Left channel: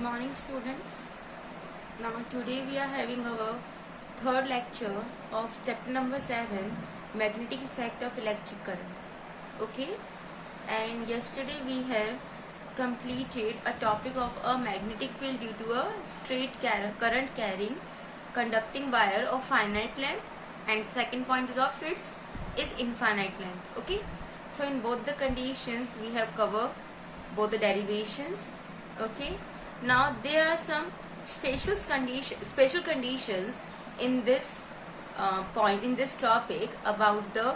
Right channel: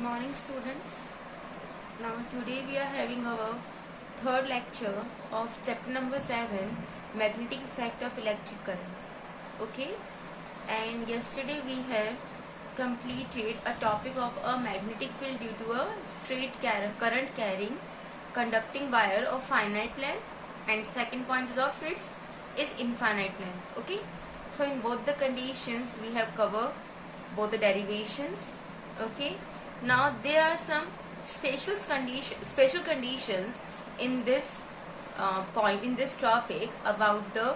Good morning, students. Now today we are having our third lecture of chapter number 7, magnetic effect of electric current. Okay, and yesterday we have completed a topic of a magnetic field due to a straight current carrying conducting wire of finite length, and second point of its is infinite length. Okay, so in both the conditions we have covered both the derivations. Okay, now there are some special conditions in this point in this topic about the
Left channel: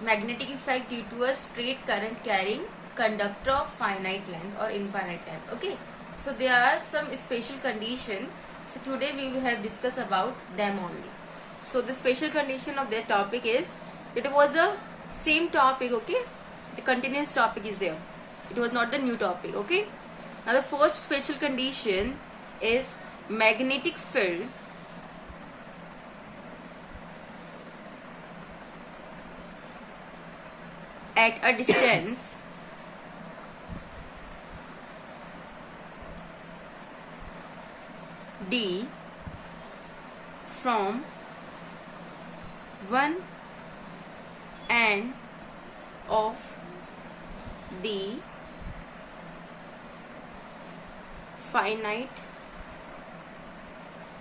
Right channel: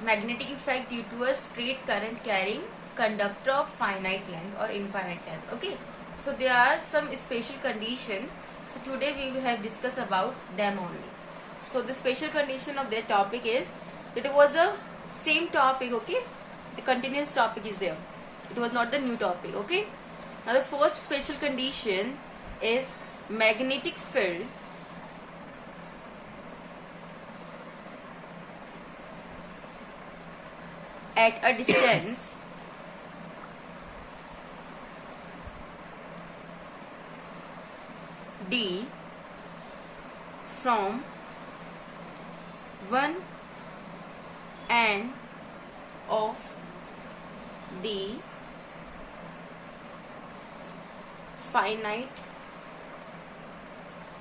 magnetic effect due to a straight current carrying conductor of finite length or infinite length. Okay, so there are some special condition. So today we will have discussed about them only. So the special condition of their topic is, it was a same topic. Okay, the continuous topic is there. It was not the new topic. Okay, now the first special condition is magnetic field at a distance d from one end of the finite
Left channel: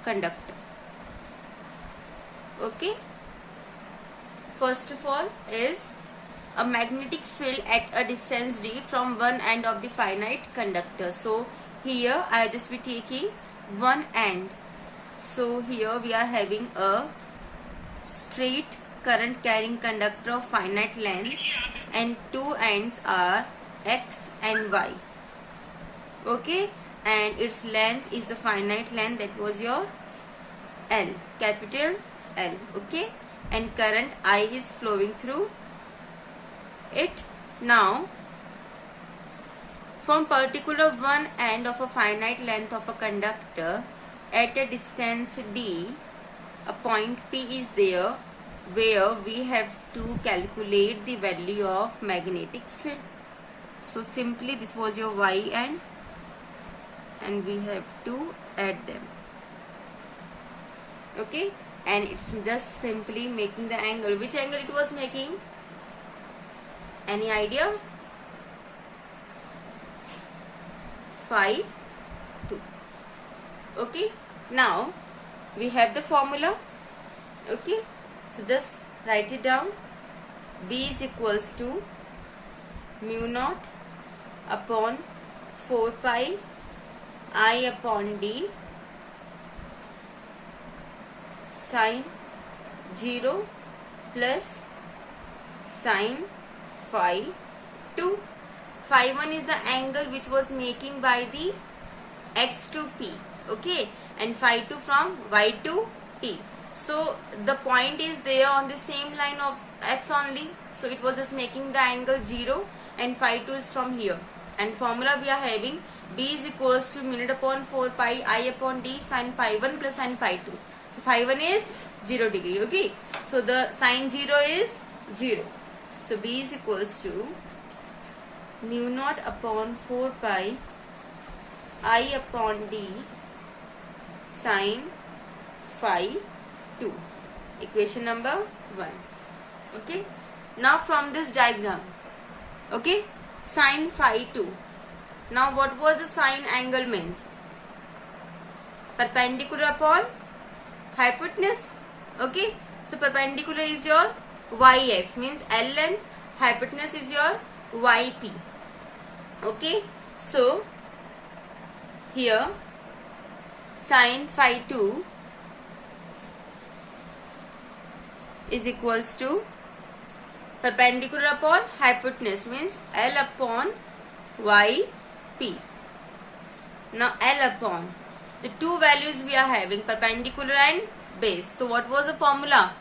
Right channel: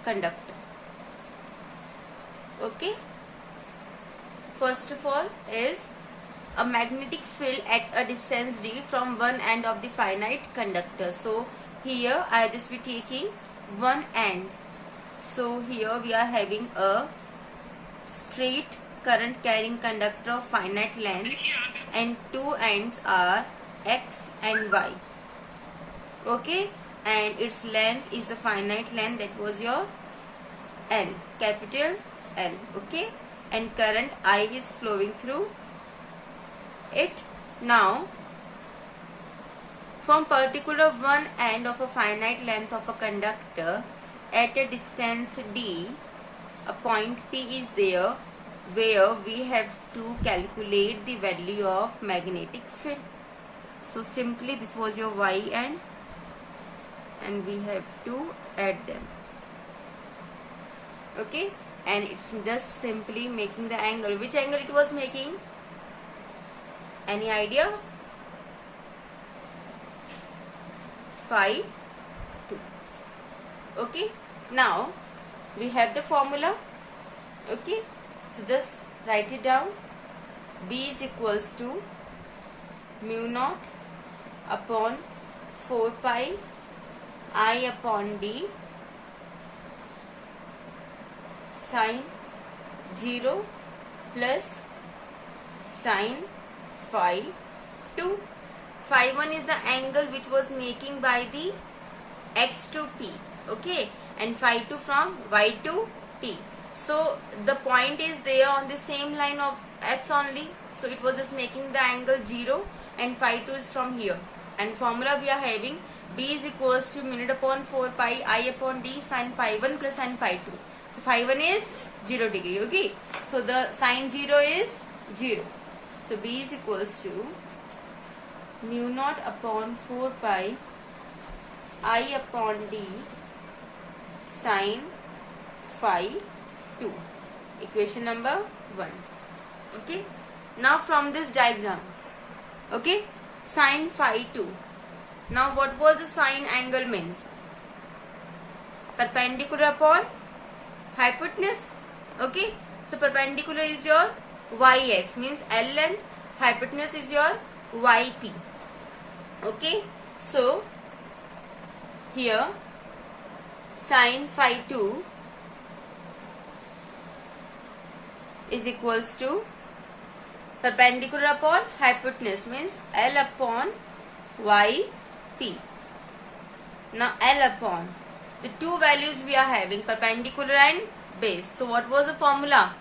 conductor. Okay, first of all is a magnetic field at a distance d from one end of the finite conductor. So here I will just be taking one end. So here we are having a straight current carrying conductor of finite length and two ends are x and y. Okay, and its length is the finite length, that was your L, capital L. Okay, and current I is flowing through it. Now from particular one end of a finite length of a conductor at a distance d, a point P is there where we have to calculate the value of magnetic field. So simply this was your y end and we have to add them. Okay, and it's just simply making the angle. Which angle it was making? Any idea? Phi 2. Okay, now we have the formula. Okay, so just write it down. B is equals to mu naught upon 4 pi I upon d sine 0 plus sine phi 2. Phi 1 is the angle which was making by the x to p. Okay, and phi 2 from y to t. So the point is there on the same line of x only. So it was just making the angle 0 and phi 2 is from here. And formula we are having, B is equals to mu naught upon 4 pi I upon d sine phi 1 plus sine phi 2. So phi 1 is 0 degree. Okay, so the sine 0 is 0. So B is equals to mu naught upon 4 pi I upon d sine phi 2. Equation number 1. Okay, now from this diagram, okay, sine phi 2. Now what was the sine angle means? Perpendicular upon hypotenuse. Okay, so perpendicular is your yx, means L length, hypotenuse is your yp. Okay, so here sine phi 2 is equals to perpendicular upon hypotenuse, means L upon yp. Now L upon the two values we are having, perpendicular and base. So what was the formula?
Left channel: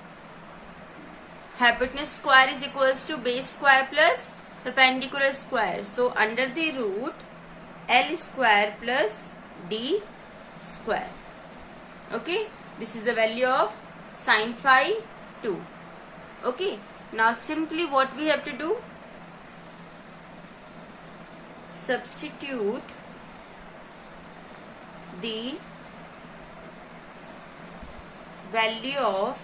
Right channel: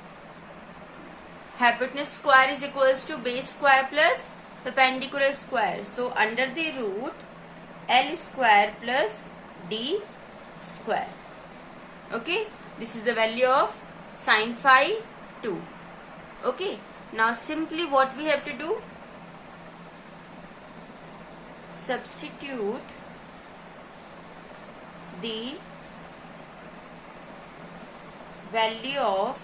Hypotenuse square is equals to base square plus perpendicular square. So under the root L square plus D square. Okay, this is the value of sine phi 2. Okay, now simply what we have to do? substitute the value of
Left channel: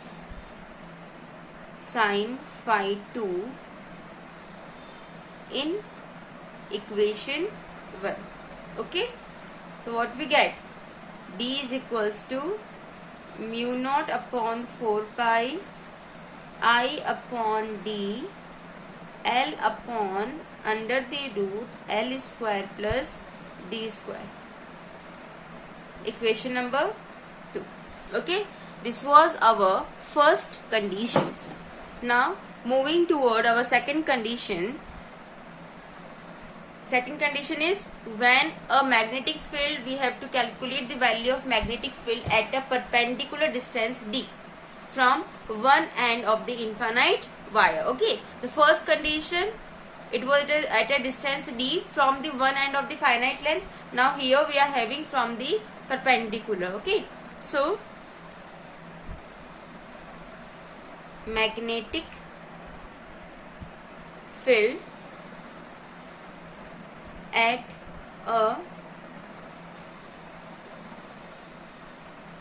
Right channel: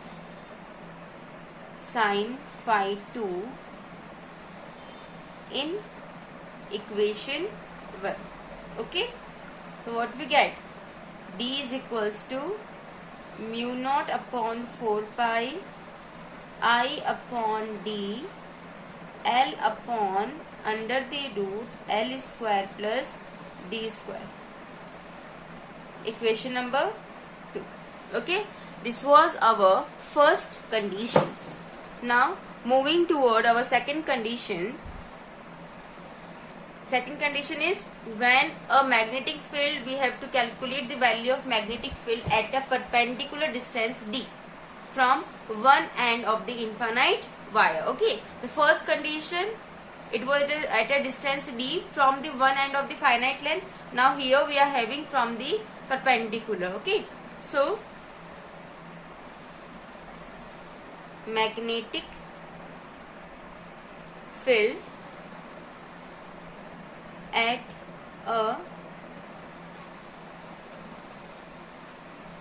sin phi 2 in equation 1. Okay, so what we get? D is equals to mu naught upon 4 pi I upon D L upon under the root L square plus D square. Equation number 2. Okay, this was our first condition. Now moving toward our second condition. Second condition is when a magnetic field, we have to calculate the value of magnetic field at a perpendicular distance D from one end of the infinite wire. Okay, the first condition, it was at a distance D from the one end of the finite length. Now here we are having from the perpendicular. Okay, so magnetic field at a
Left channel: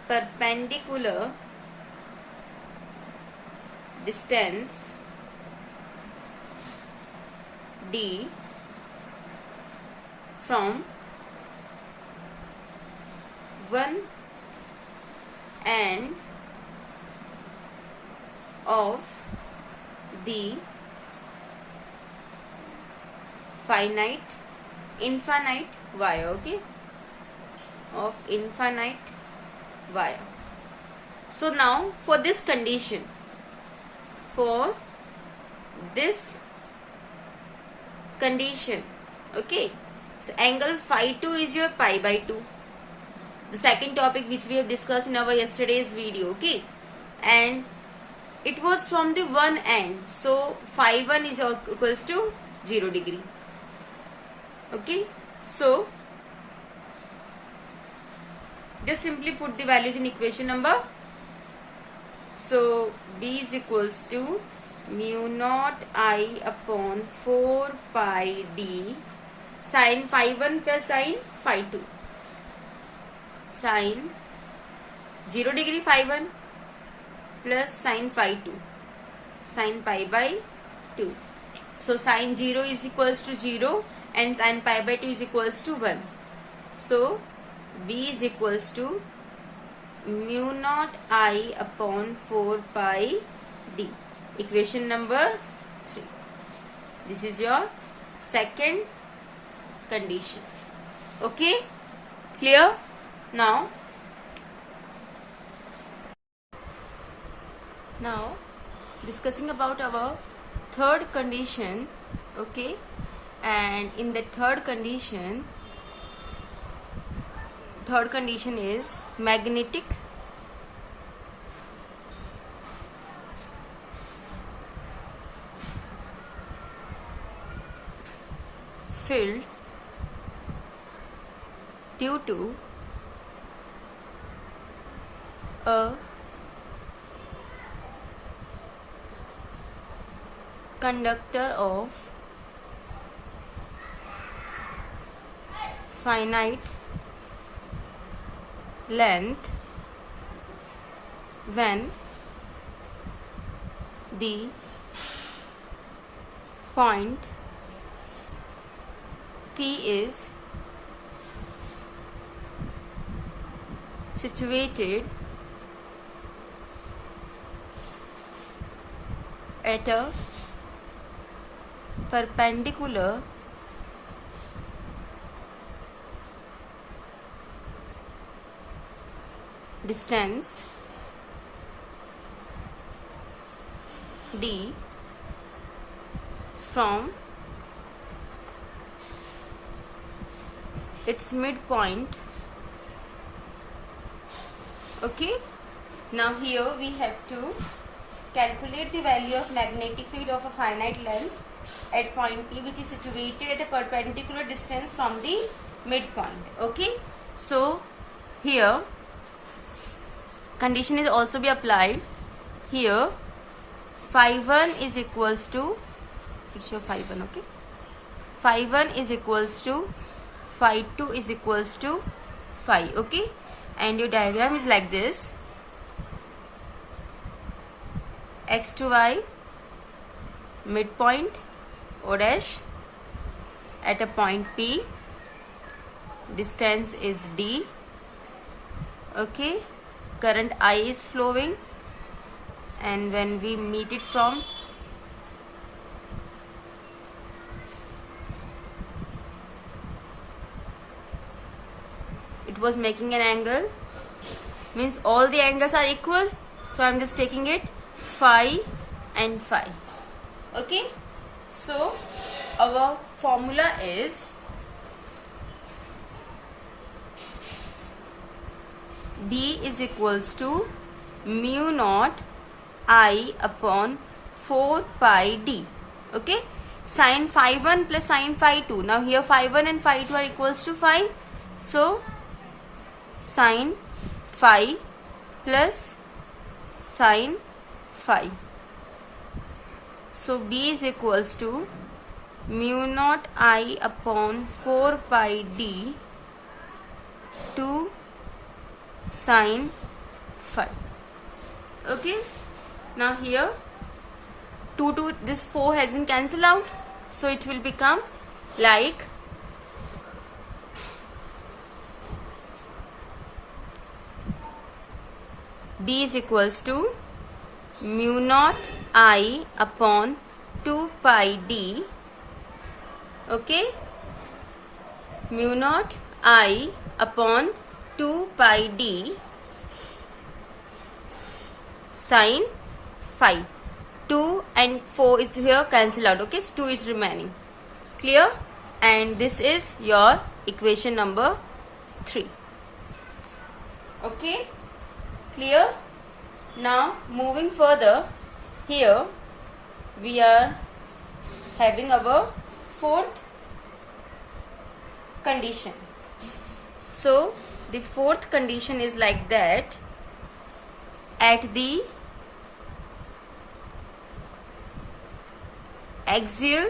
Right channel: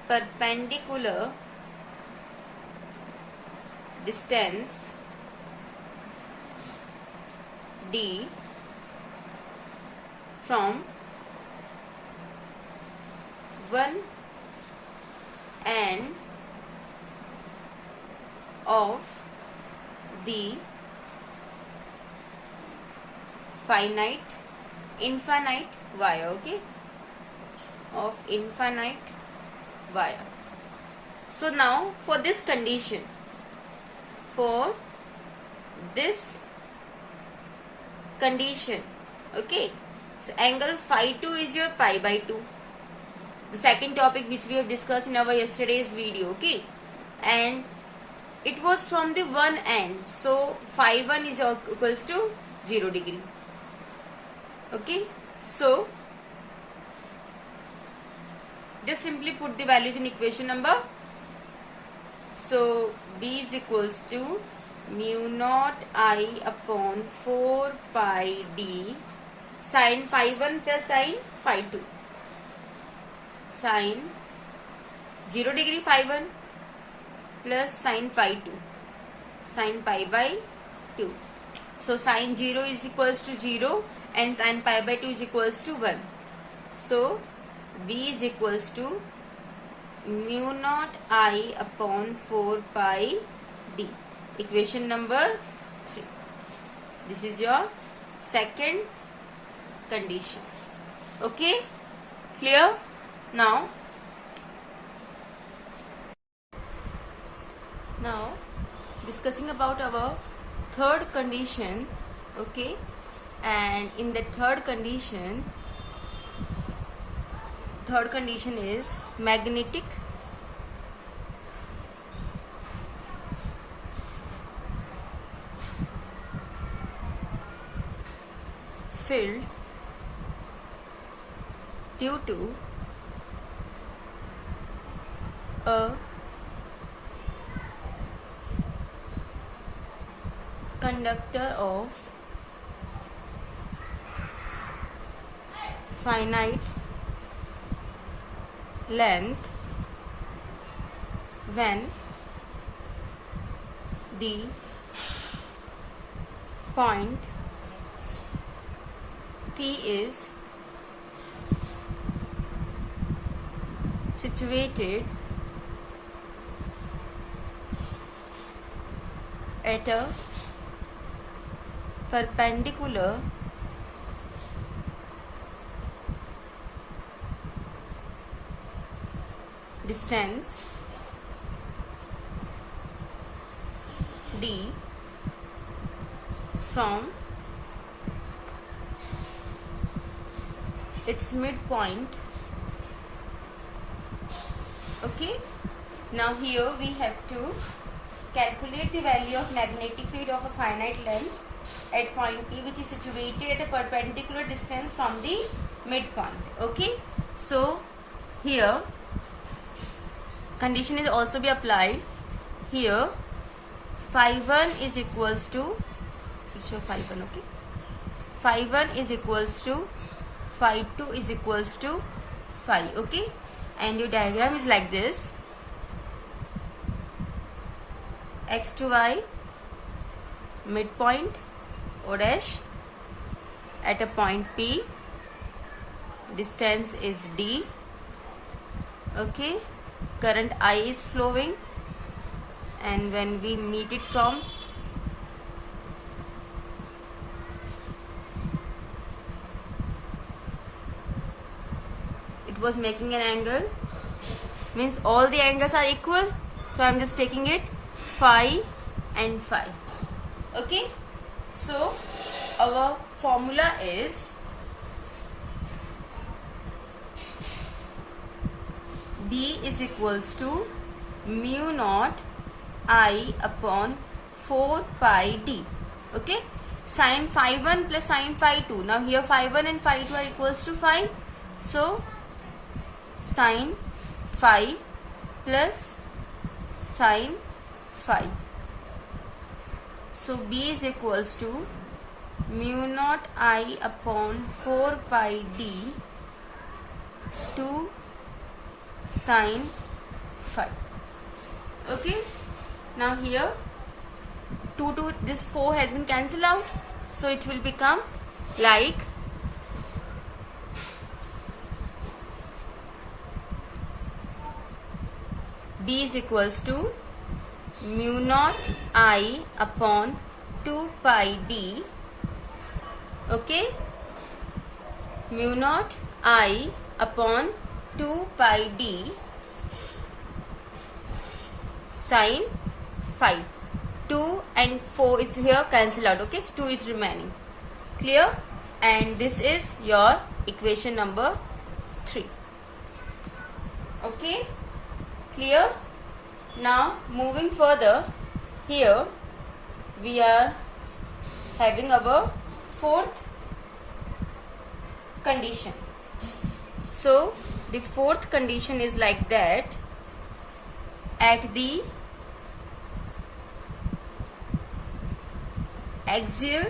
perpendicular distance D from one end of the infinite wire. Okay, of infinite wire. So now for this condition, okay, so angle phi 2 is your pi by 2, the second topic which we have discussed in our yesterday's video. Okay, and it was from the one end, so phi 1 is equals to 0 degree. Okay, so just simply put the values in equation number. So B is equals to mu naught I upon 4 pi D sin phi 1 plus sin phi 2, sin 0 degree phi 1 plus sin phi 2, sin pi by 2. So sin 0 is equals to 0 and sin pi by 2 is equals to 1. So B is equals to mu naught I upon 4 pi D. Equation number 3. This is your second condition. Okay, clear? Now discussing about our third condition. Okay, and in the third condition is magnetic field due to a conductor of finite length when the point P is situated at a perpendicular distance D from its midpoint. Okay, now here we have to calculate the value of magnetic field of a finite length at point P, which is situated at a perpendicular distance from the midpoint. Okay, so here condition is also be applied. Here phi 1 is equals to, show phi 1, okay, phi 1 is equals to phi 2 is equals to phi. Okay, and your diagram is like this: x to y, midpoint O dash at a point P, distance is D. Okay, current I is flowing, and when we meet it from it was making an angle, means all the angles are equal, so I'm just taking it phi and phi. Okay, so our formula is D is equals to mu naught I upon 4 pi D. Okay, sin phi 1 plus sin phi 2. Now here phi 1 and phi 2 are equals to phi, so sin phi plus sin phi. So B is equals to mu naught I upon 4 pi D to sin phi. Okay, now here 2 to this 4 has been cancelled out, so it will become like B is equals to mu naught I upon 2 pi D. Okay, mu naught I upon 2 pi D sin phi. 2 and 4 is here cancel out. Okay, so 2 is remaining. Clear? And this is your equation number 3. Okay, clear? Now moving further, here we are having our fourth condition. So the fourth condition is like that: at the axial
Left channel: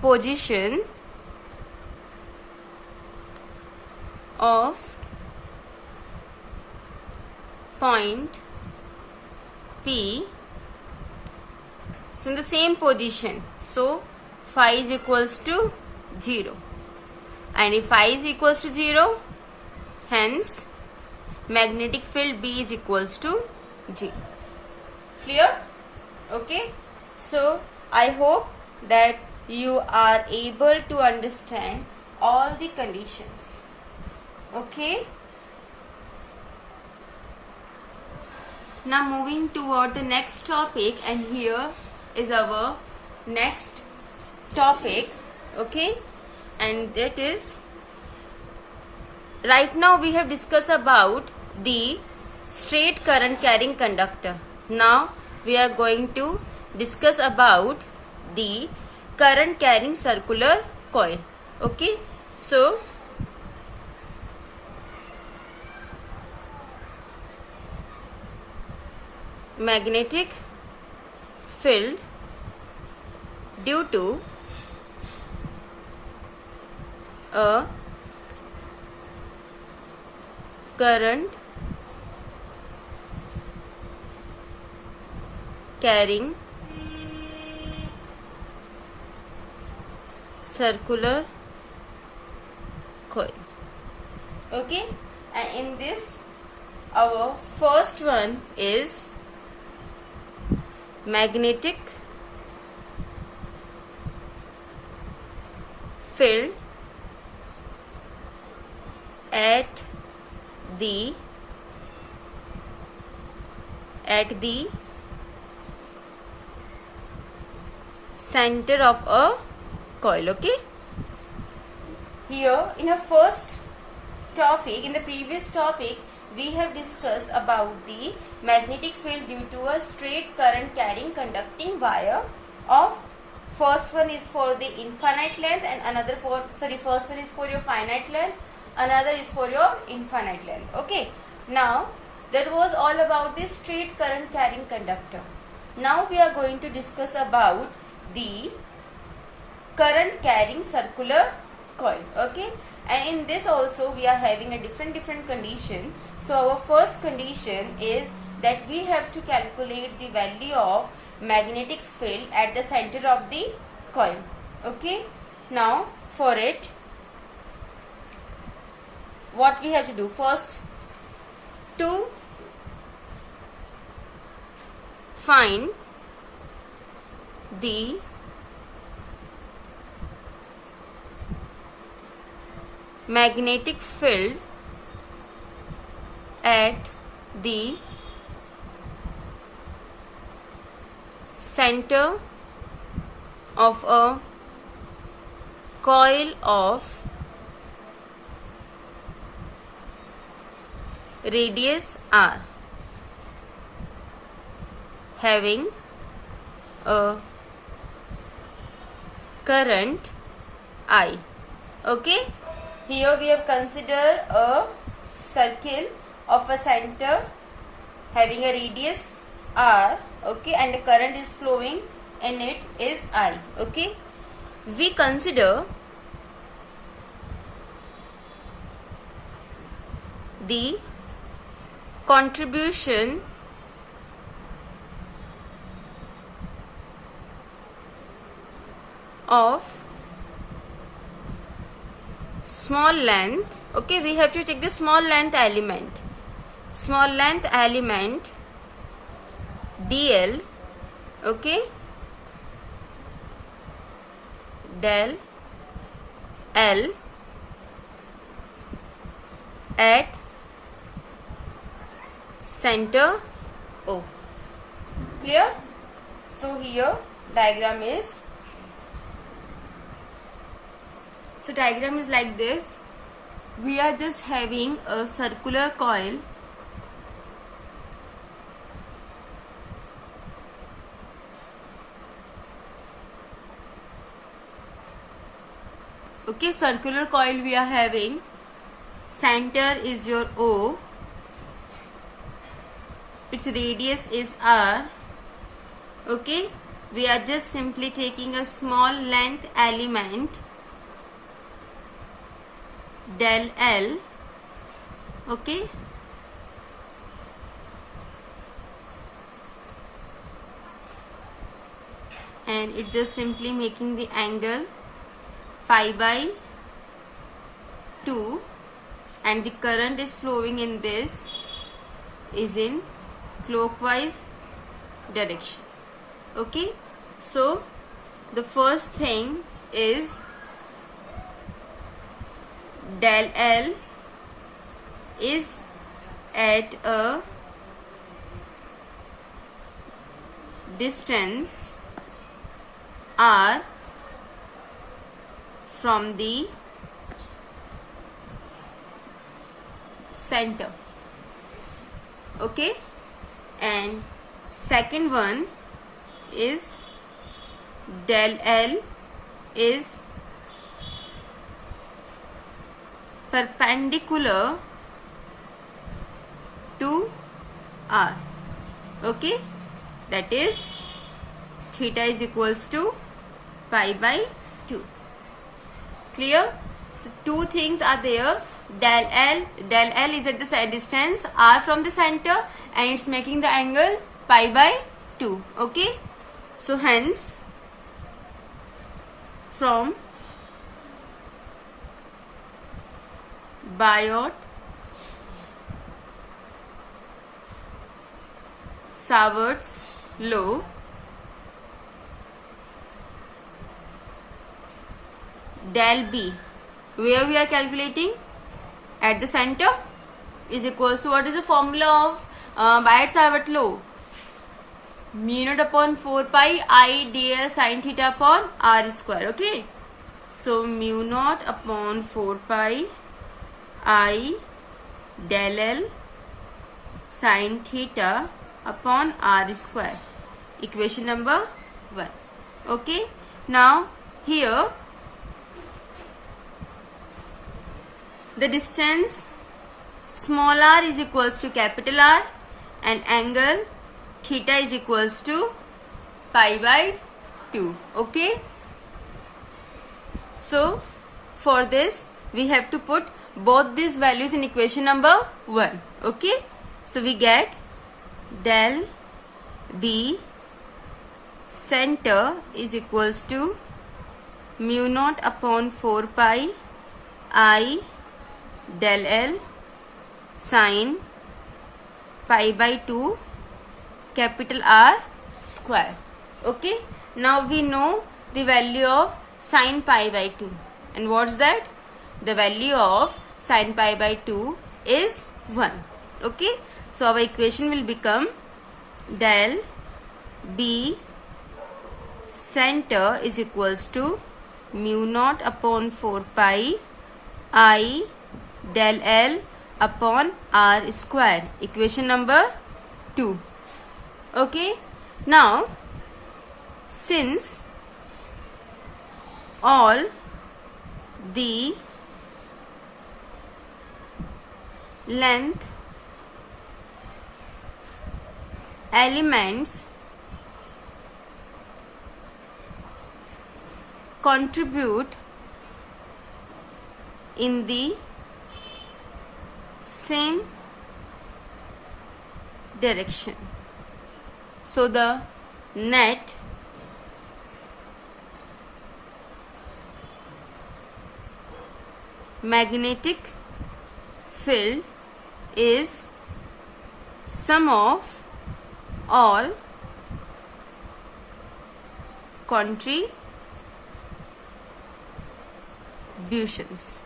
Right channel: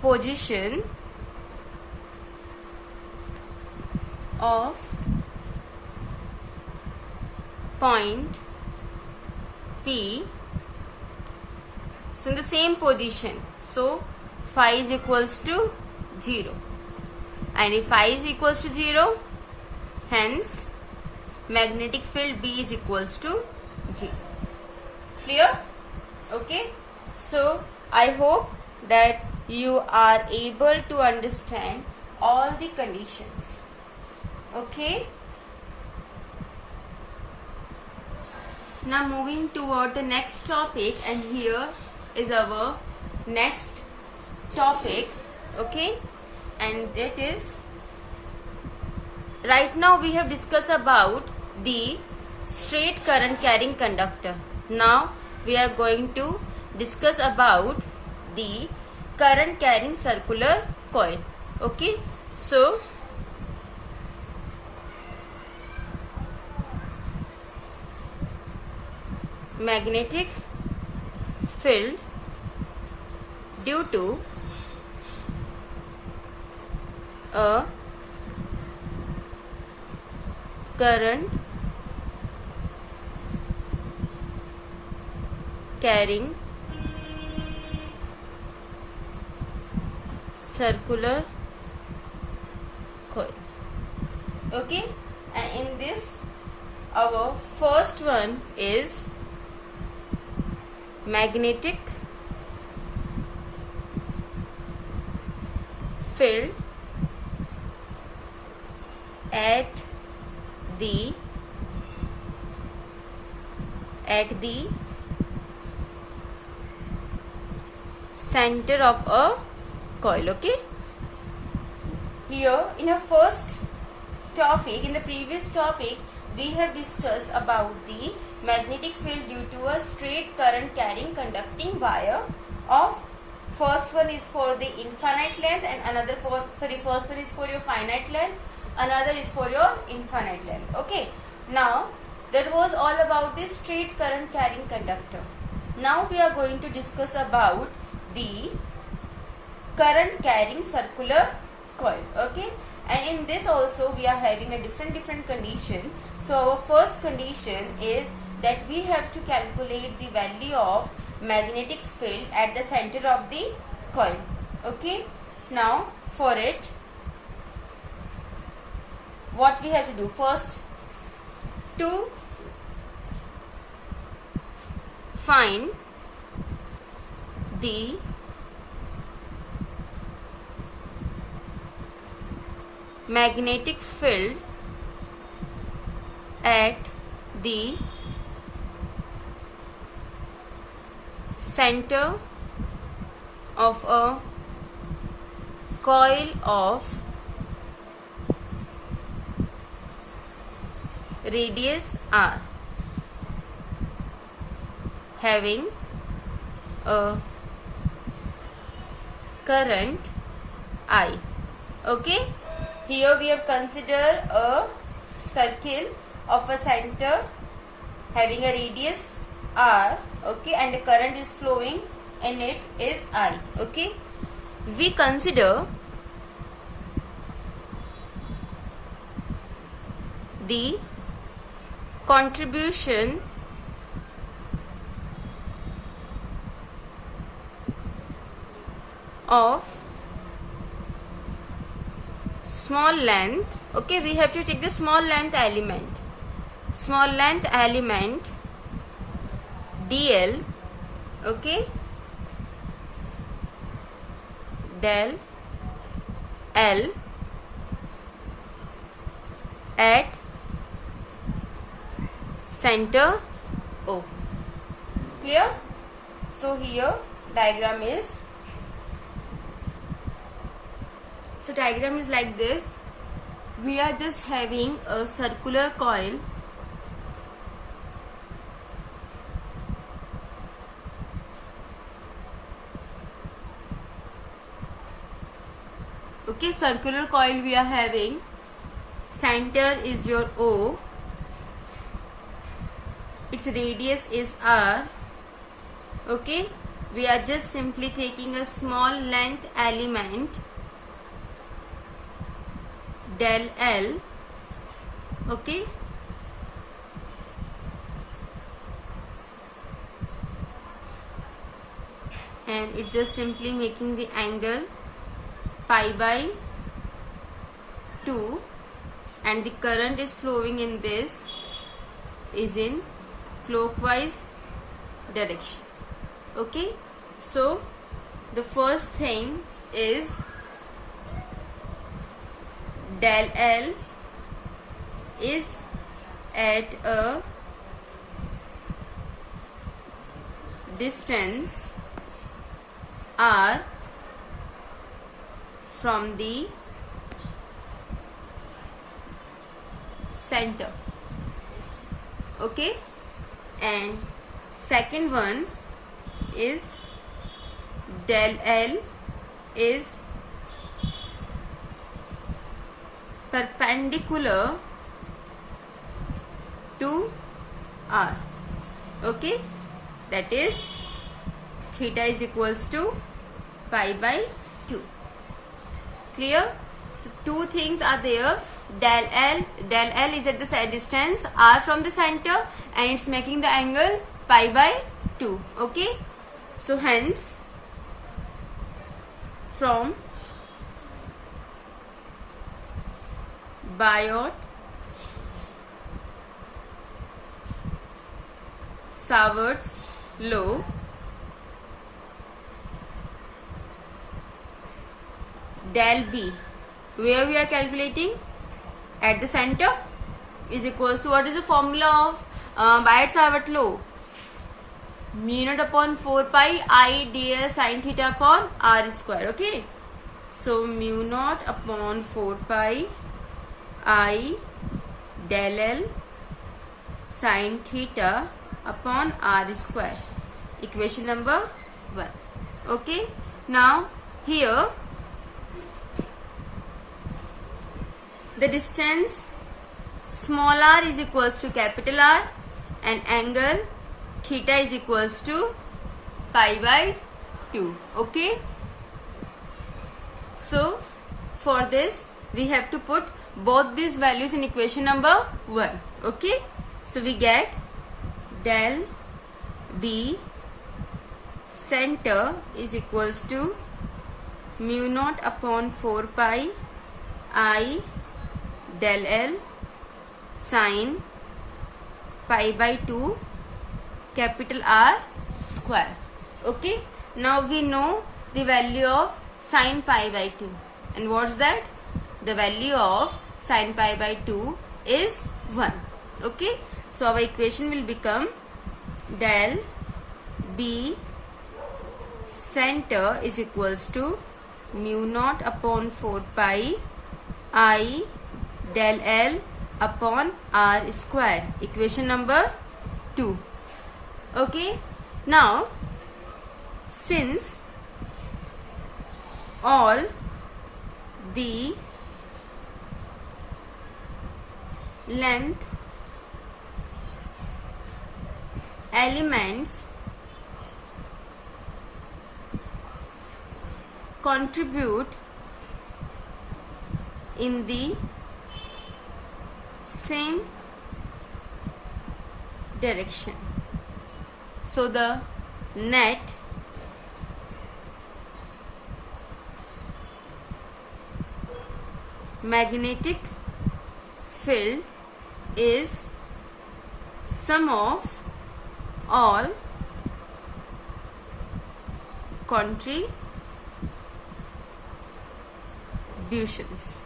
position of point P, so in the same position, so phi is equals to 0, and if phi is equals to 0, hence magnetic field B is equals to 0. Clear? Okay, so I hope that you are able to understand all the conditions. Okay, now moving toward the next topic, and here is our next topic. Okay, and that is, right now we have discussed about the straight current carrying conductor. Now we are going to discuss about the current carrying circular coil. Okay, so magnetic field due to a current carrying circular coil. Okay, and in this our first one is magnetic field at the center of a coil. Okay, here in a first topic, in the previous topic, we have discussed about the magnetic field due to a straight current carrying conducting wire of, first one is for the infinite length and another for, first one is for your finite length, another is for your infinite length. Okay, now that was all about the straight current carrying conductor. Now we are going to discuss about the current carrying circular coil. Okay, And in this also we are having a different condition. So our first condition is that we have to calculate the value of magnetic field at the center of the coil. Okay, now for it, what we have to do first, to find the magnetic field at the center of a coil of radius r having a current I. Okay, here we have considered a circle of a center having a radius r, okay, and the current is flowing in it is I. Okay, we consider the contribution of small length. Okay, we have to take the small length element dl, okay, del L at center O. Clear? So here diagram is like this. We are just having a circular coil okay, circular coil we are having, center is your O, its radius is R. Okay, we are just simply taking a small length element del L, okay, and it's just simply making the angle pi by 2, and the current is flowing in this is in clockwise direction. Okay, so the first thing is del L is at a distance R from the center. Okay, and second one is del L is perpendicular to R. Okay, that is theta is equals to pi by 2. Clear? So two things are there. Del L is at the side distance R from the center, and it's making the angle pi by 2. Okay, so hence from Biot-Savart's law, del B, where we are calculating at the center, is equals to, what is the formula of Biot-Savart law? Mu naught upon 4 pi I dl sin theta upon r square. Okay, so mu naught upon 4 pi I del L sin theta upon r square, equation number 1. Okay, now here the distance small r is equals to capital R, and angle theta is equals to pi by 2. Okay, so for this we have to put both these values in equation number 1. Okay, so we get del B center is equals to mu naught upon 4 pi I del L sin pi by 2 capital R square. Okay, now we know the value of sin pi by 2, and what's that? The value of sin pi by 2 is 1. Okay, so our equation will become del B center is equals to mu naught upon 4 pi I del L upon R square. Equation number 2. Okay, now since all the length elements contribute in the same direction, so the net magnetic field is sum of all contributions.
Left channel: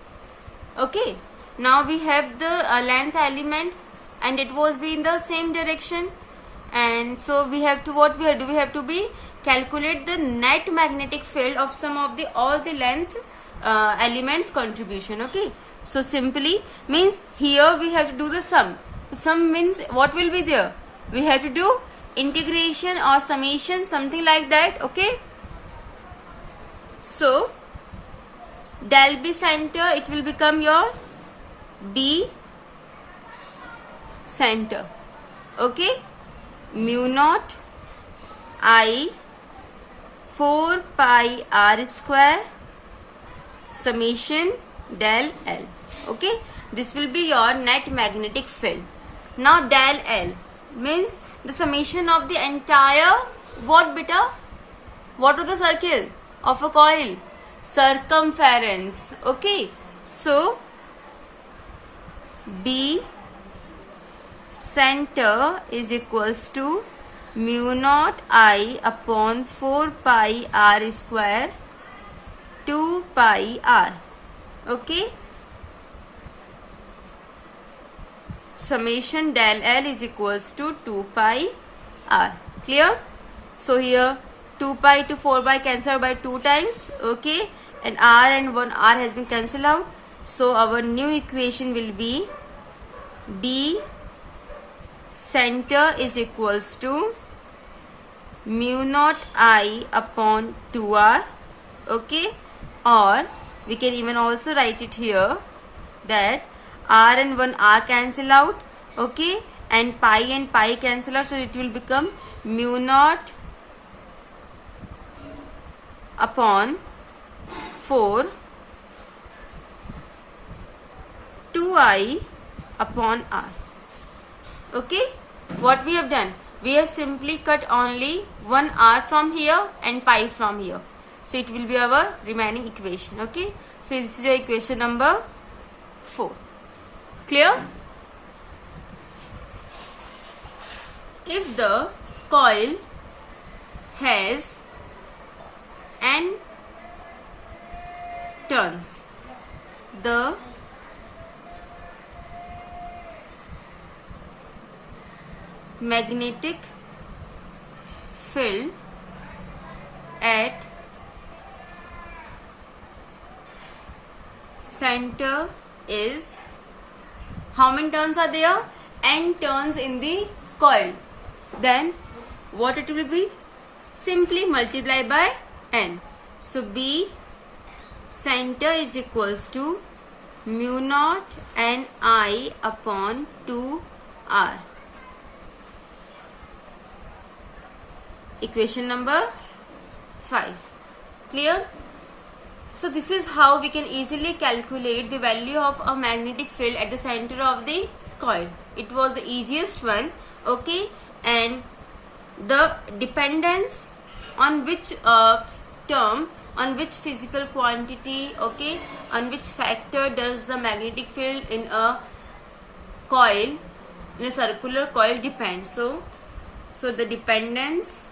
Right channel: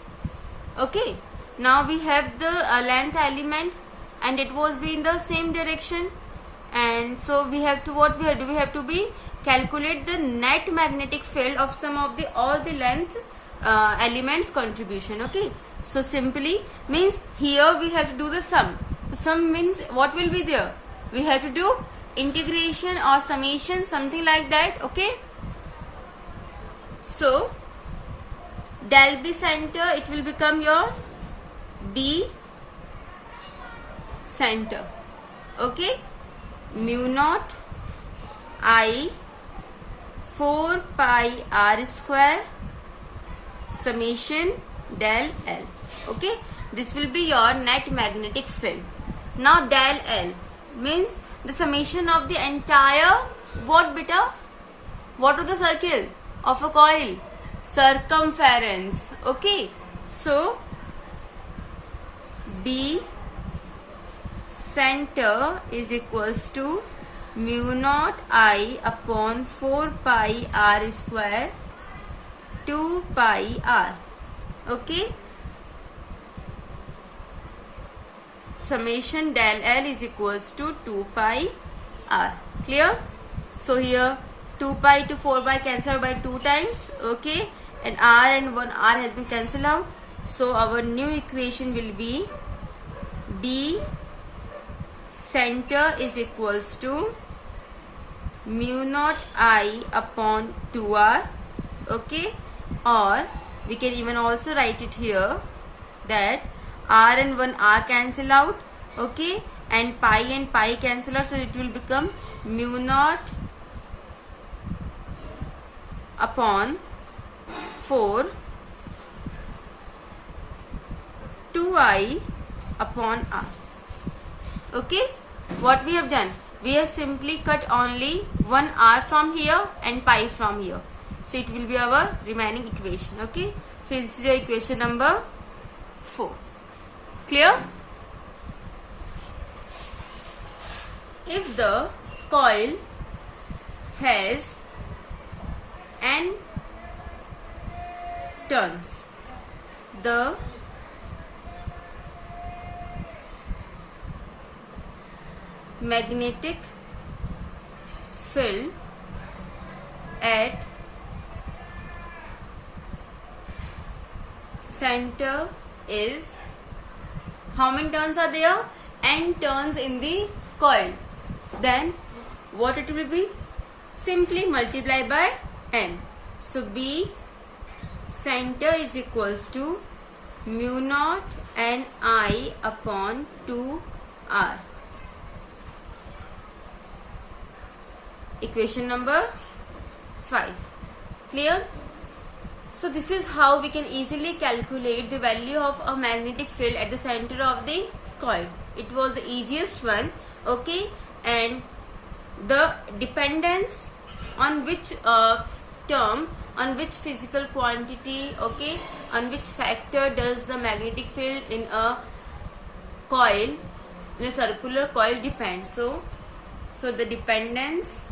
Okay, now we have the length element and it was be in the same direction, and so we have to, what we have to do, we have to be calculate the net magnetic field of some of the all the length elements contribution. Okay, so simply means here we have to do the sum. Sum means what will be there? We have to do integration or summation, something like that. Okay, so del B center, it will become your B center. Okay, mu naught I 4 pi R square summation del L. Okay, this will be your net magnetic field. Now del L means the summation of the entire, what beta? What is the circle of a coil? Circumference. Okay, so B center is equals to mu naught I upon 4 pi R square 2 pi R. Okay, summation del L is equals to 2 pi R. Clear? So here 2 pi to 4 pi cancel by 2 times. Okay, and R and 1 R has been cancelled out. So our new equation will be B center is equals to mu naught I upon 2R. Okay, or we can even also write it here that R and 1 R cancel out. Okay, and pi cancel out, so it will become mu naught upon 4 2I upon R. Okay, what we have done? We have simply cut only 1 R from here and pi from here. So it will be our remaining equation. Okay, so this is the equation number 4. Clear? If the coil has n turns, the magnetic field at center is, how many turns are there? N turns in the coil. Then what it will be? Simply multiply by n. So B center is equals to mu naught n I upon 2R. Equation number 5. Clear? So this is how we can easily calculate the value of a magnetic field at the center of the coil. It was the easiest one, okay, and the dependence on which term, on which physical quantity, okay, on which factor does the magnetic field in a coil, in a circular coil depend. So the dependence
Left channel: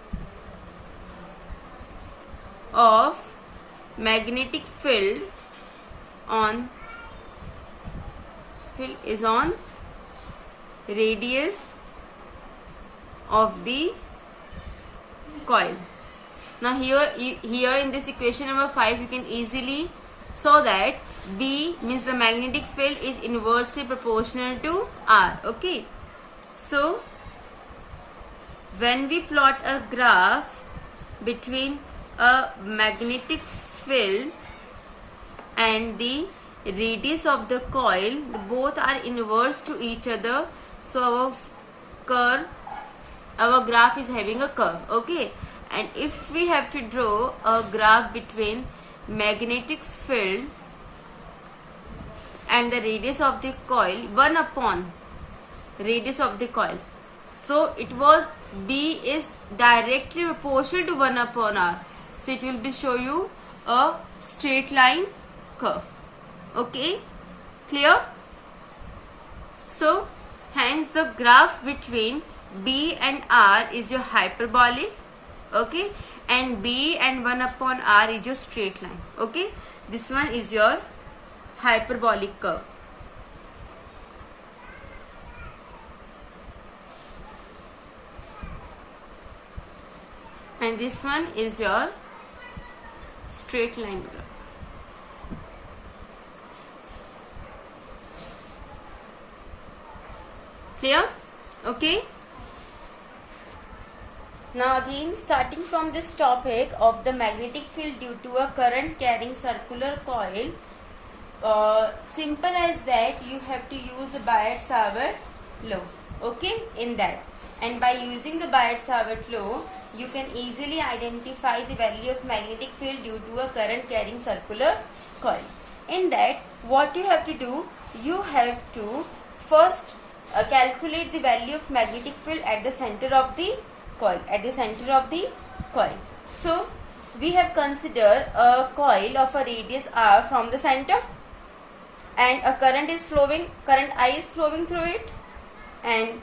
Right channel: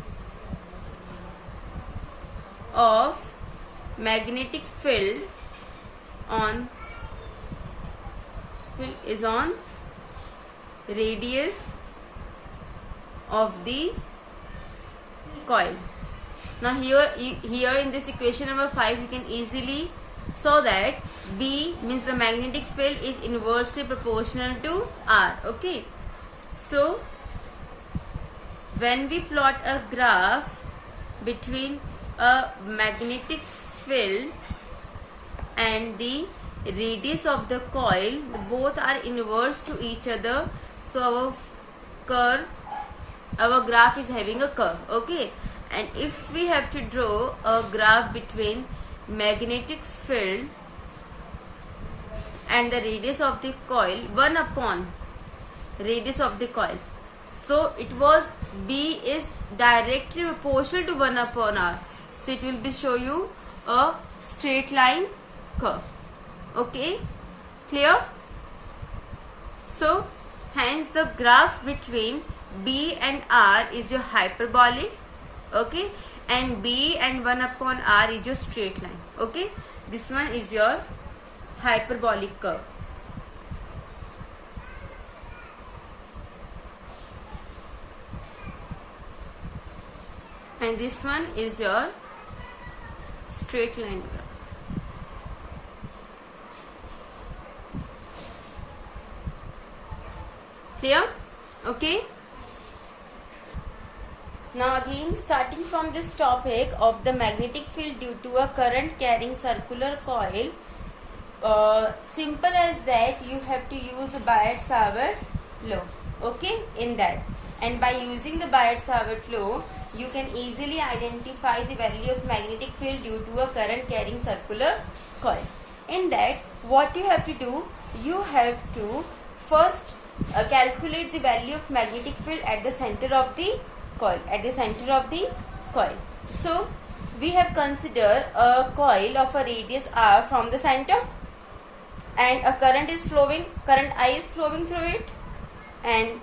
of magnetic field is on radius of the coil. Now here in this equation number 5 you can easily show that B means the magnetic field is inversely proportional to R. Okay, so when we plot a graph between a magnetic field and the radius of the coil, both are inverse to each other, so our graph is having a curve. Okay, and if we have to draw a graph between magnetic field and the radius of the coil, 1 upon radius of the coil, so it was B is directly proportional to 1 upon R, so it will be show you a straight line curve. Okay, clear? So hence the graph between B and R is your hyperbolic, okay, and B and 1 upon R is your straight line. Okay, this one is your hyperbolic curve. And this one is your straight line graph. Clear? Okay. Now again, starting from this topic of the magnetic field due to a current carrying circular coil, simple as that, you have to use the Biot-Savart law. Okay, in that, and by using the Biot-Savart law, you can easily identify the value of magnetic field due to a current carrying circular coil. In that, what you have to do, you have to first calculate the value of magnetic field at the center of the coil. So we have considered a coil of a radius R from the center, and a current I is flowing through it, and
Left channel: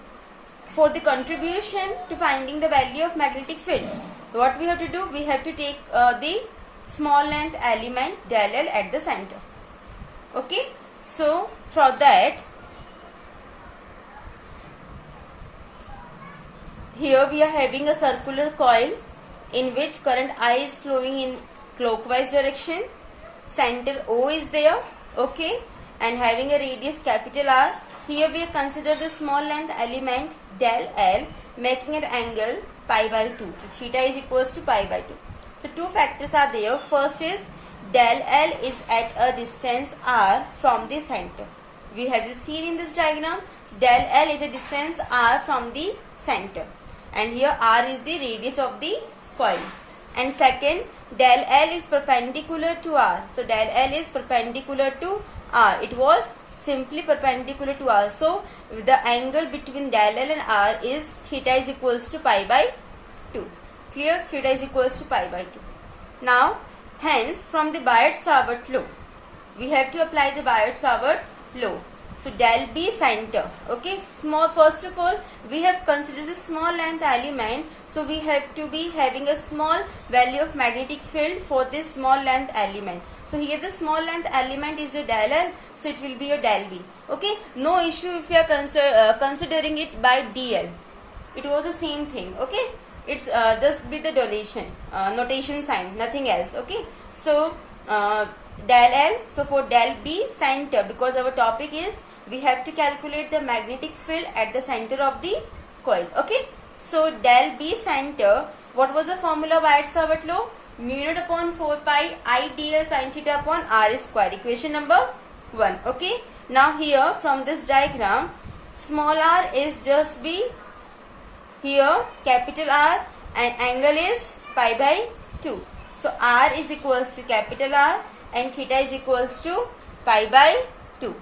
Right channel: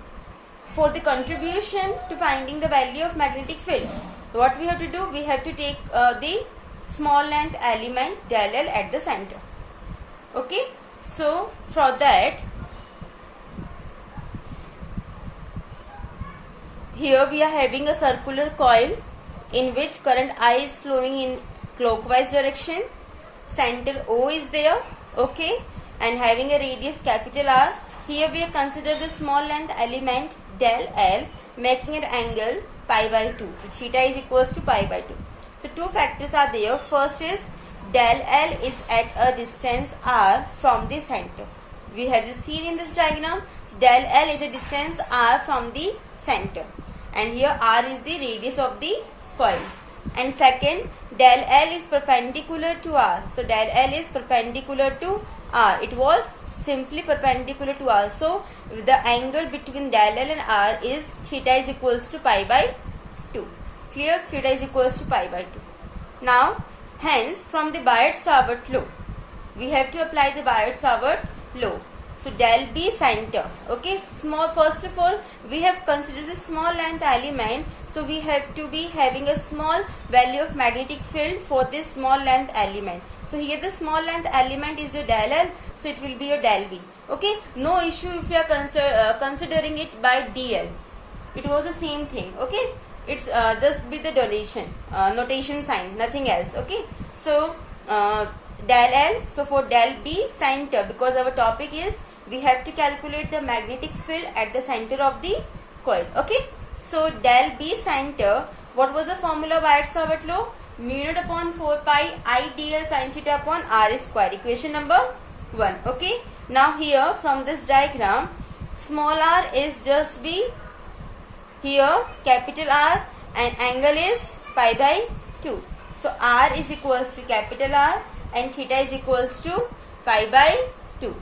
for the contribution to finding the value of magnetic field, what we have to do, we have to take the small length element del L at the center. Okay, so for that, here we are having a circular coil in which current I is flowing in clockwise direction, center O is there, okay, and having a radius capital R. Here we have considered the small length element del L, making an angle pi by 2. So theta is equals to pi by 2. So two factors are there. First is del L is at a distance R from the center. We have seen in this diagram, so del L is a distance R from the center, and here R is the radius of the coil. And second, del L is perpendicular to R. So del L is perpendicular to R. It was simply perpendicular to R. So the angle between del L and R is theta is equals to pi by 2. Clear? Theta is equals to pi by 2. Now, hence from the Biot-Savart law, we have to apply the Biot-Savart law. So del B center, okay, small, first of all we have considered the small length element, so we have to be having a small value of magnetic field for this small length element. So here the small length element is your del L, so it will be your del B. Okay, no issue if you are considering it by dl. It was the same thing. Okay, it's just with the notation sign, nothing else. Okay, so del L, so for del B center, because our topic is we have to calculate the magnetic field at the center of the coil. Okay, so del B center, what was the formula of Biot-Savart law? Mu naught upon 4 pi I dl sin theta upon R square, equation number 1. Okay, now here from this diagram, small r is just be here capital R, and angle is pi by 2. So R is equals to capital R and theta is equals to pi by 2.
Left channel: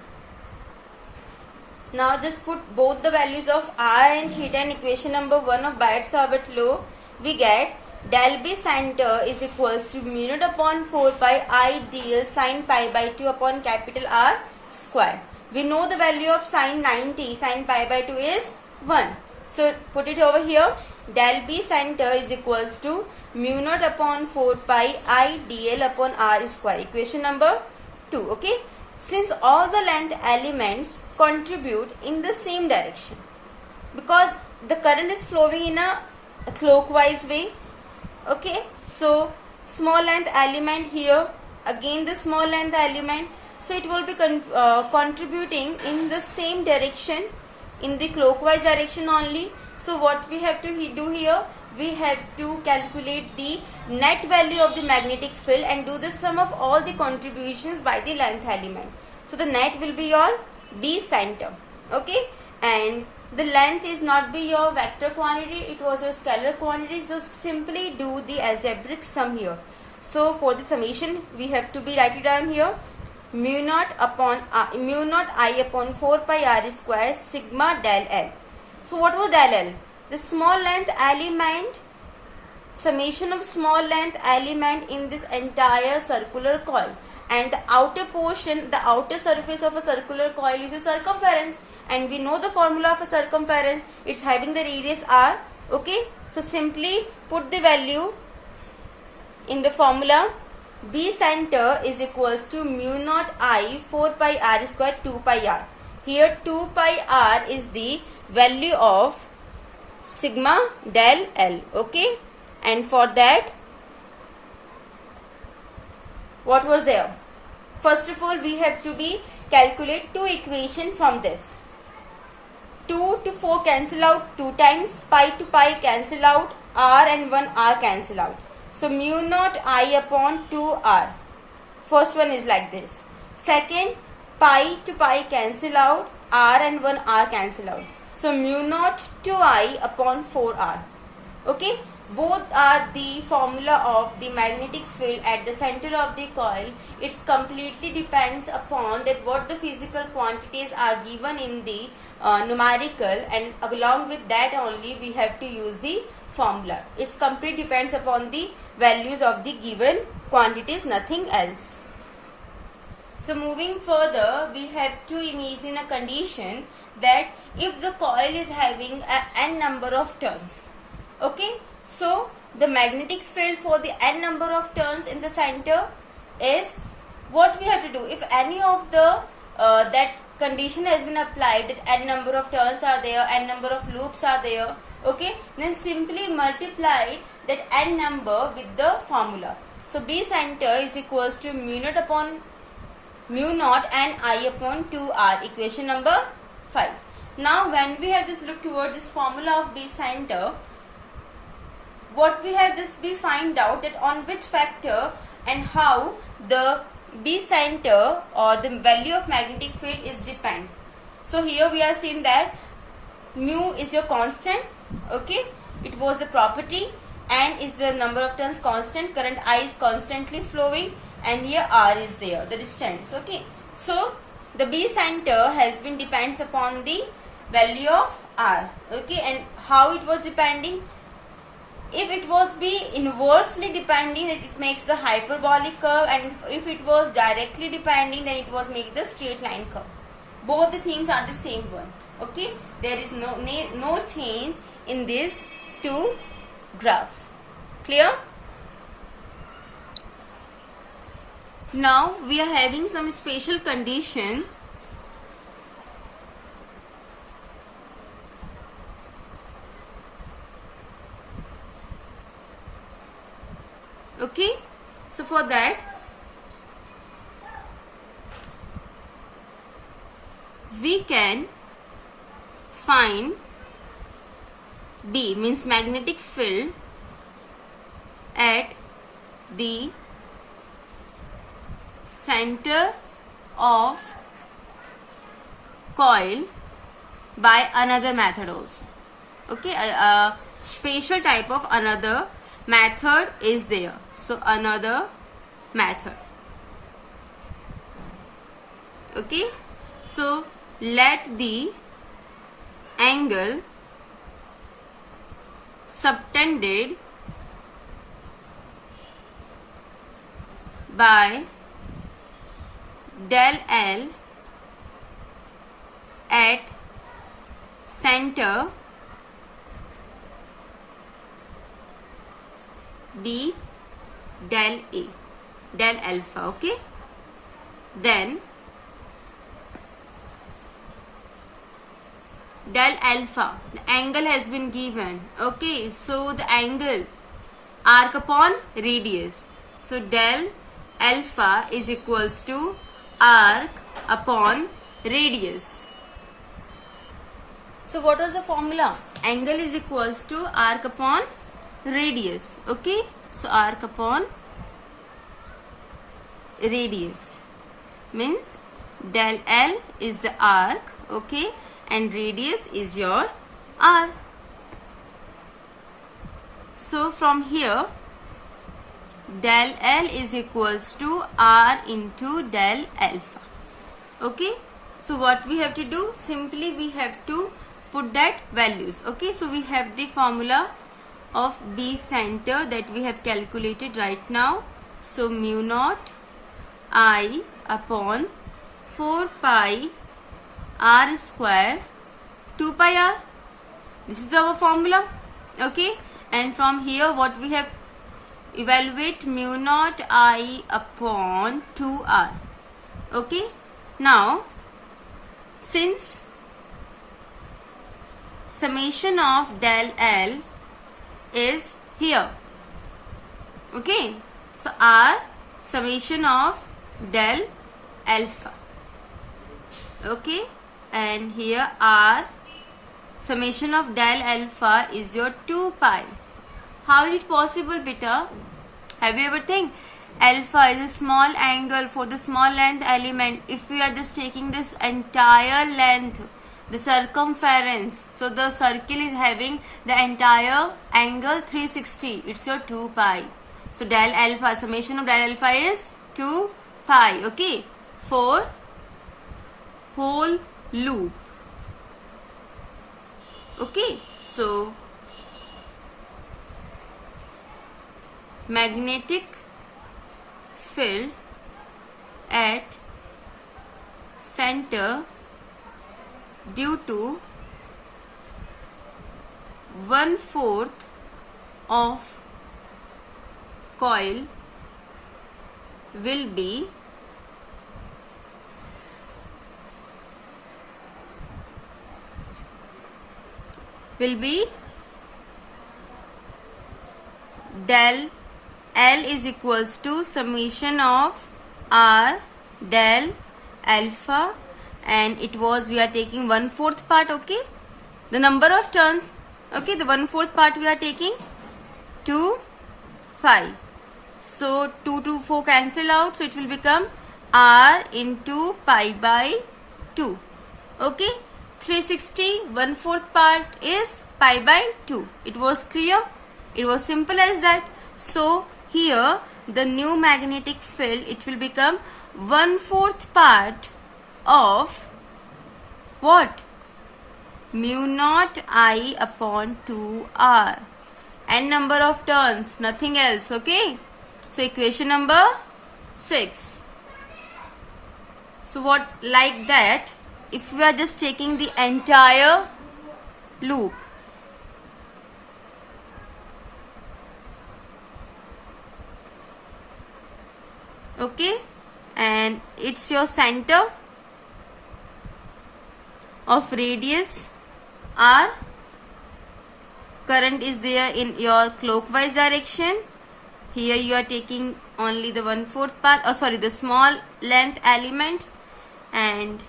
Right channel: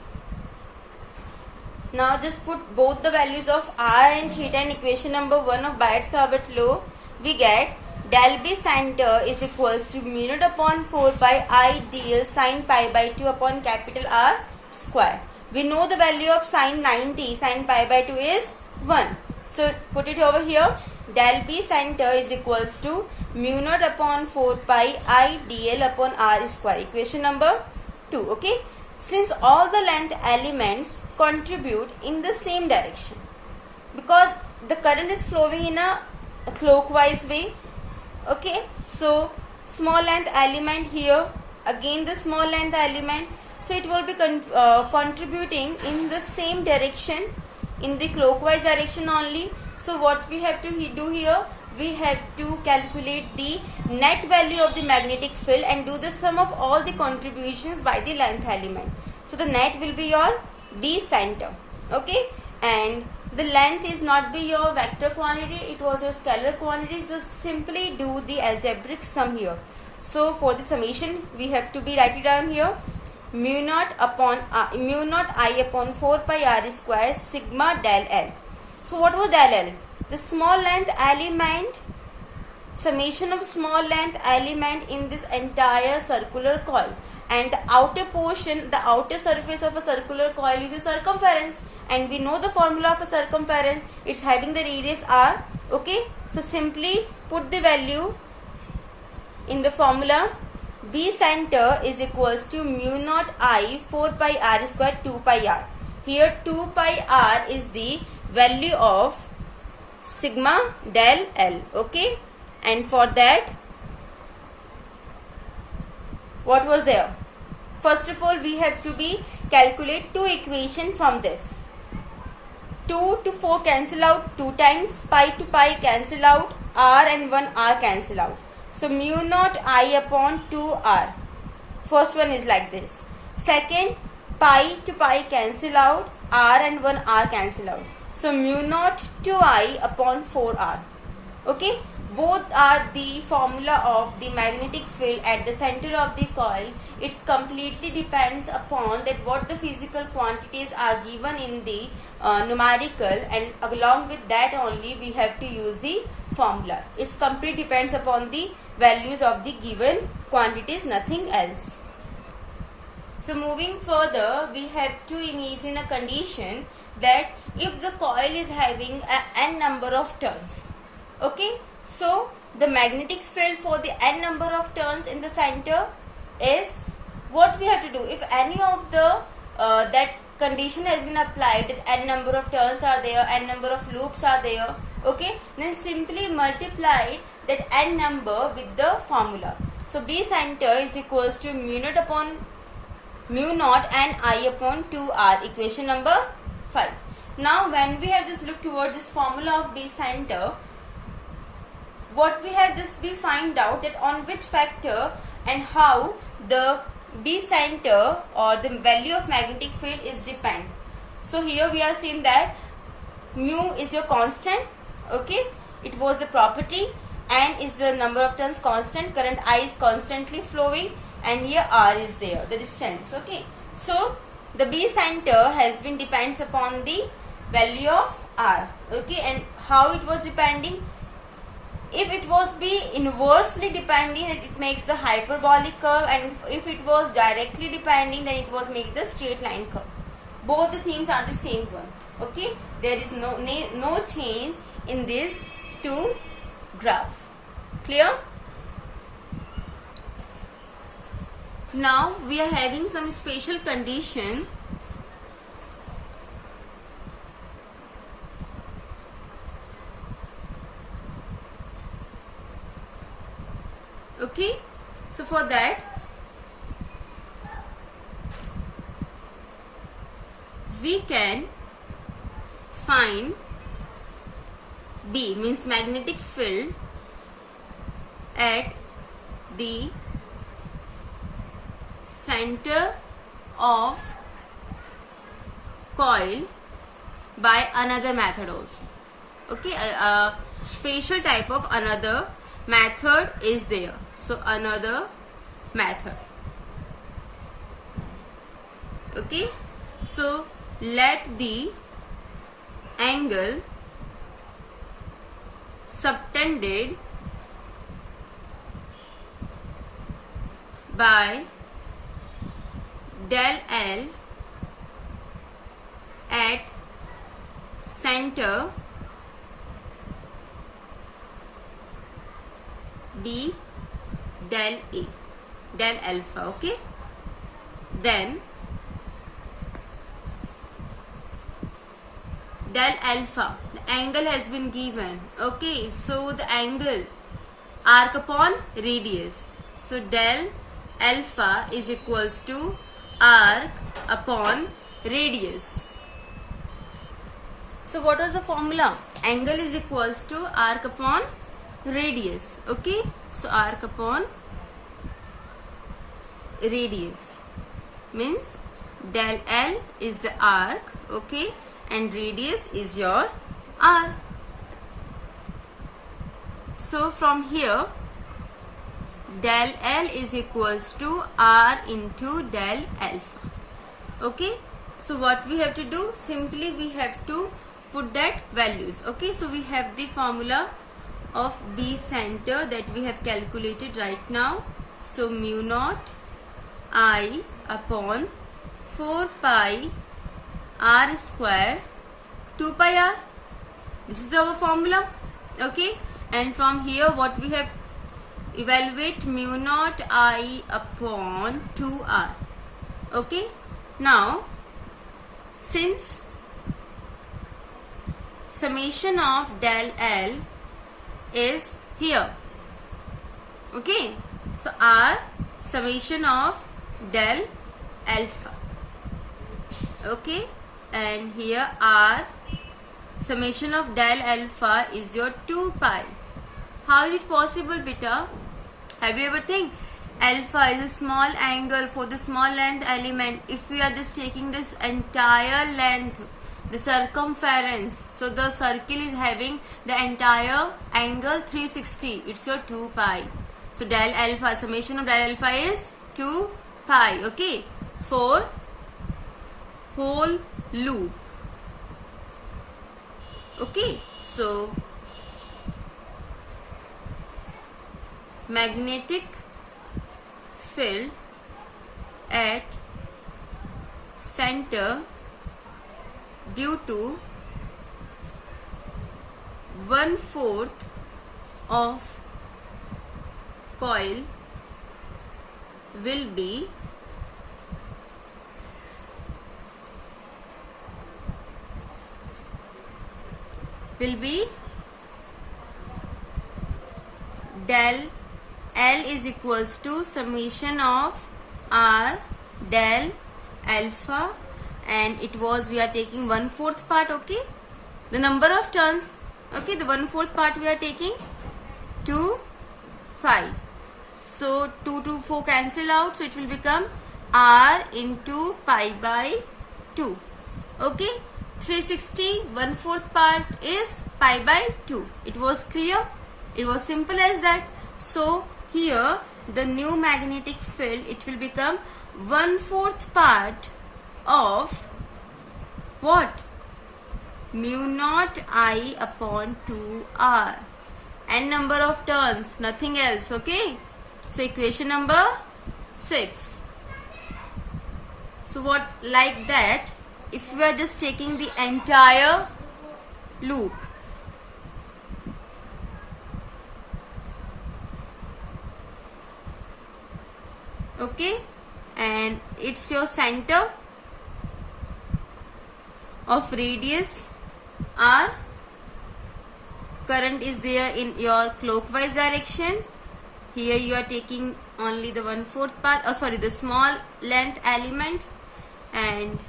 Now just put both the values of r and theta in equation number 1 of Biot-Savart law. We get del B sin t is equals to mu naught upon 4 pi I dl sin pi by 2 upon capital R square. We know the value of sin 90 sin pi by 2 is 1. So put it over here. Del B sin t is equals to mu naught upon 4 pi I dl upon R square. Equation number 2. Okay. Since all the length elements contribute in the same direction, because the current is flowing in a clockwise way. Okay. So small length element here, again the small length element. So it will be contributing in the same direction, in the clockwise direction only. So what we have to do here, we have to calculate the net value of the magnetic field and do the sum of all the contributions by the length element. So the net will be your B sin t. Okay, and the length is not be your vector quantity, it was a scalar quantity. So simply do the algebraic sum here. So for the summation we have to be write it down here. Mu naught I upon 4 pi r square sigma del L. So what was del L? The small length element, summation of small length element in this entire circular coil, and the outer portion, the outer surface of a circular coil is a circumference, and we know the formula of a circumference, it's having the radius r. Okay, so simply put the value in the formula. B sin t is equals to mu naught I 4 pi r square 2 pi r. Here 2 pi r is the value of sigma del L. Okay, and for that what was there? First of all we have to be calculate two equation from this. 2 to 4 cancel out 2 times, pi to pi cancel out, r and 1 r cancel out. So mu naught I upon 2r. First one is like this. Second, pi to pi cancel out, r and 1 r cancel out. So mu naught 2i upon 4r. Okay, both are the formula of the magnetic field at the center of the coil. It completely depends upon that what the physical quantities are given in the numerical, and along with that only we have to use the formula. It's completely depends upon the values of the given quantities, nothing else. So moving further, we have to imagine a condition that if the coil is having n number of turns. Okay, so the magnetic field for the n number of turns in the center is what we have to do. If any of the that condition has been applied, that n number of turns are there, n number of loops are there, okay, then simply multiply that n number with the formula. So B sin t is equals to mu naught and I upon 2r. Equation number 5. Now when we have just looked towards this formula of B sin t, what we have just be find out that on which factor and how the B sin t or the value of magnetic field is depend. So here we are seeing that mu is your constant. Okay, it was the property, and is the number of turns constant, current I is constantly flowing, and here r is there, the distance. Okay, so the B sin t has been depends upon the value of r. Okay, and how it was depending? If it was be inversely depending, then it makes the hyperbolic curve, and if it was directly depending, then it was make the straight line curve. Both the things are the same one. Okay, there is no change in these two graph. Clear? Now we are having some special condition. Okay, so for that we can find B, means magnetic field at the center of coil by another method also. Okay, a special type of another method is there. So another method. Okay, so let the angle subtended by del L at center d del A, del alpha. Okay, then del alpha, the angle has been given. Okay, so the angle arc upon radius, so del alpha is equals to arc upon radius. So what was the formula? Angle is equals to arc upon radius. Okay, so arc upon radius means del L is the arc, okay, and radius is your r. So from here del L is equals to r into del alpha. Okay, so what we have to do, simply we have to put that values. Okay, so we have the formula of B center that we have calculated right now. So mu naught I upon 4 pi r square 2 pi r. This is our formula. Okay, and from here what we have, evaluate mu naught I upon 2r. Okay, now since summation of del L is here, okay, so r summation of del alpha, okay, and here r summation of del alpha is your 2 pi. How is it possible, beta? Have you ever think alpha is a small angle for the small length element? If we are just taking this entire length, the circumference, so the circle is having the entire angle 360, it's your 2 pi. So del alpha, summation of del alpha is 2 pi, okay, for whole loop. Okay, so magnetic field at center due to 1/4 of coil will be del L is equals to summation of R del alpha, and it was, we are taking 1/4 part, okay, the number of turns, okay, the 1/4 part we are taking 2 pi. So 2 to 4 cancel out, so it will become R into pi by 2. Okay, 360 1/4 part is pi by 2. It was clear? It was simple as that. So here the new magnetic field, it will become 1/4 part of what? Mu naught I upon 2r, and number of turns, nothing else. Okay, so equation number 6. So what, like that, if we are just taking the entire loop, okay, and it's your center of radius r, current is there in your clockwise direction. Here you are taking only the 1/4 part, the small length element, and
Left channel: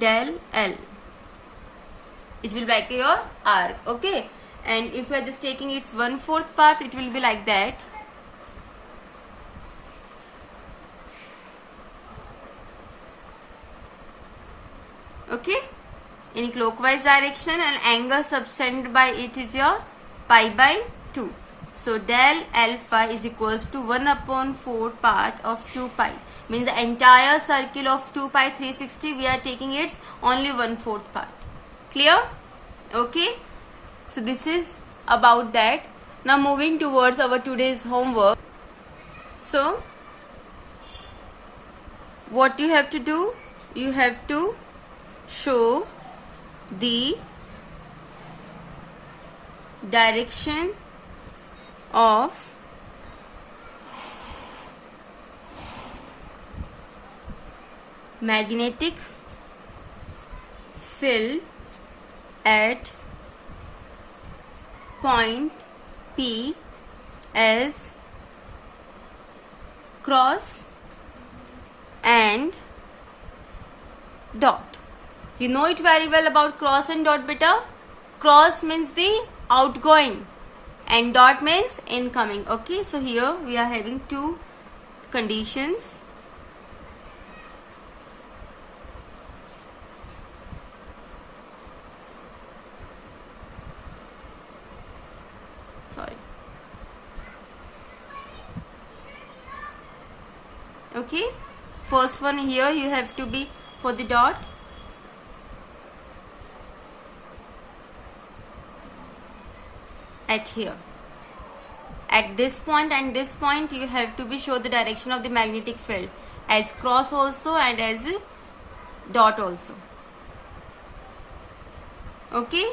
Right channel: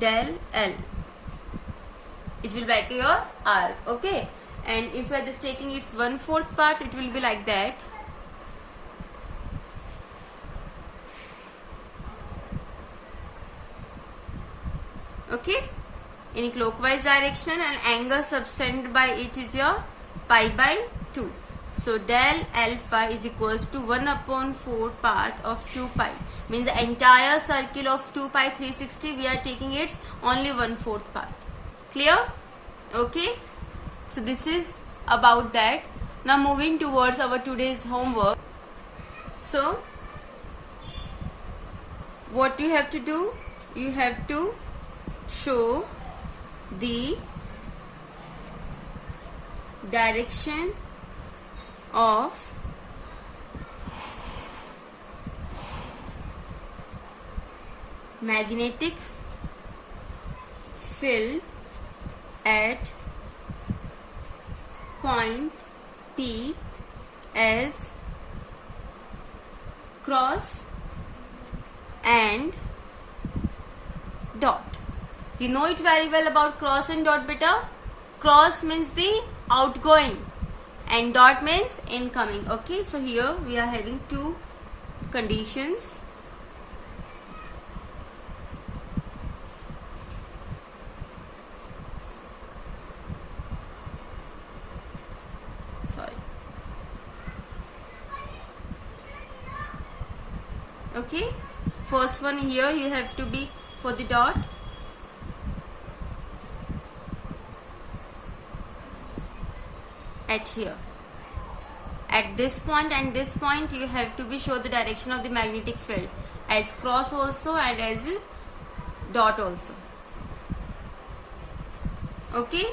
del L, it will be like your arc. Okay, and if you are just taking its 1/4 parts, it will be like that. Okay, in clockwise direction, and angle subtended by it is your pi by 2. So del alpha is equals to 1/4 part of 2 pi. means the entire circle of 2 pi 360 we are taking its only 1/4 part. Clear? Okay, so this is about that. Now moving towards our today's homework. So what you have to do, you have to show the direction of magnetic field at point P as cross and dot. You know it very well about cross and dot, beta. Cross means the outgoing and dot means incoming. Okay, so here we are having two conditions. Sorry. Okay, first one here you have to be for the dot. At here, at this point and this point, you have to be show the direction of the magnetic field as cross also and as dot also. Okay,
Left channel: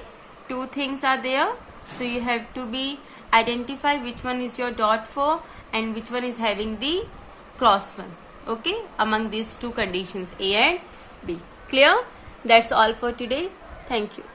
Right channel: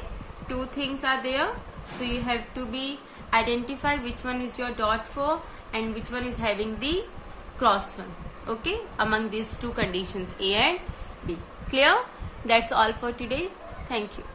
two things are there, so you have to be identify which one is your dot for and which one is having the cross one. Okay, among these two conditions, A and B. Clear? That's all for today. Thank you.